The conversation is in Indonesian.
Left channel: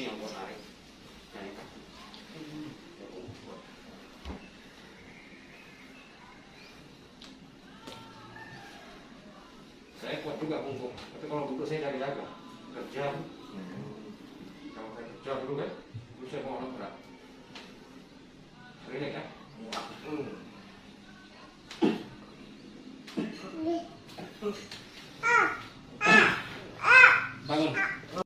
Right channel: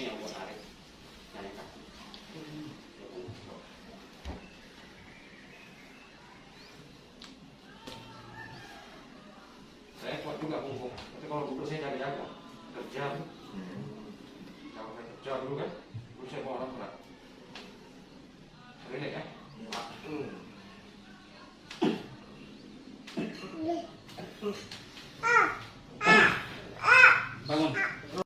sini yang buat tarik. Nah, ini kan. Saya kuat juga punggung, tapi kalau duduk saya dari jaga kerja tuh. Kalau saya kerja dulu kan, dulu saya bawa orang berat. Ini kan? Bangun.